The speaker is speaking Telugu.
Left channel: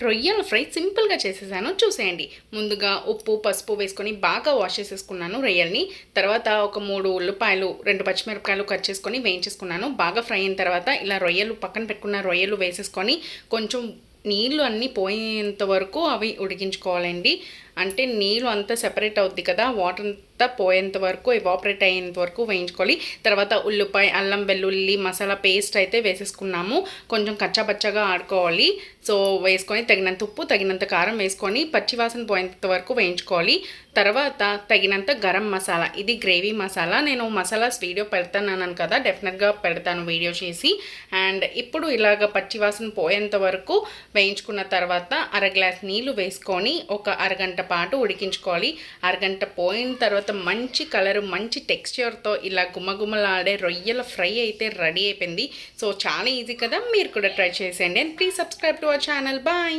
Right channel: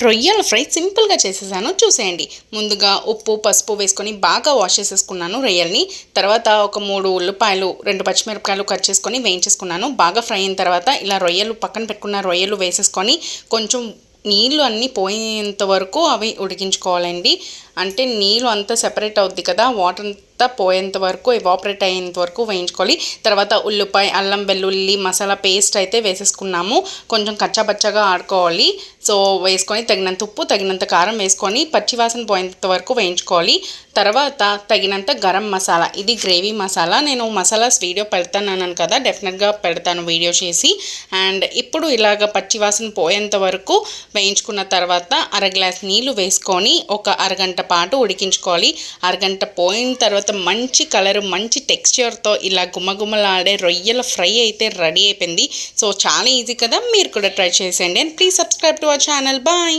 రొయ్యల ఫ్రై సింపుల్గా చేసేసాను చూసేయండి. ముందుగా ఉప్పు పసుపు వేసుకొని బాగా వాష్ చేసేసుకున్నాను రొయ్యల్ని. తర్వాత ఒక 3 ఉల్లిపాయలు 2 పచ్చిమిరపకాయలు కట్ చేసుకొని వేయించేసుకున్నాను. బాగా ఫ్రై అయిన తర్వాత ఇలా రొయ్యలు పక్కన పెట్టుకున్న రొయ్యలు వేసేసుకొని కొంచెం నీళ్ళు అన్నీ పోయేంత వరకు అవి ఉడికించుకోవాలండి. అంటే నీళ్ళు అంతా సెపరేట్ అవుద్ది కదా, వాటర్ అంతా పోయేంత వరకు ఎవాపరేట్ అయ్యేంత వరకు వేయించుకోవాలి. తర్వాత ఉల్లిపాయ అల్లం వెల్లుల్లి మసాలా పేస్ట్ అయితే వేసేసుకున్నాము. కొంచెం కచ్చాపచ్చాగా ఆడుకోవాలి. సో వేసుకొని తగినంత ఉప్పు తగినంత కారం వేసుకొని పచ్చివాసన పోయేంత వరకు వేయించుకోవాలి. తర్వాత తగినంత గరం మసాలా, ఇది గ్రేవీ మసాలా. నేను మసాలాస్ వీడియో పెడతానన్నాను కదా, డెఫినెట్గా పెడతాను వీడియో చేసి. అండ్ ఇప్పుడు ఇలాగ పచ్చివాసన పోయేంత వరకు వేయించుకున్న తర్వాత అర గ్లాస్ నీళ్ళు వేసుకొని ఒక అరగంట పాటు ఉడికించుకోవాలి. అరగంట పోయిన తర్వాత మంచి కలర్ మంచి టెక్స్చర్తో ఇలా గుమ్మగుమ్మలాడే రొయ్యల ఫ్రై అయితే రెడీ అయిపోయింది. సో చాలా ఈజీ కదా, మీరు కూడా ట్రై చేసేయండి. And please subscribe to our channel. Bye.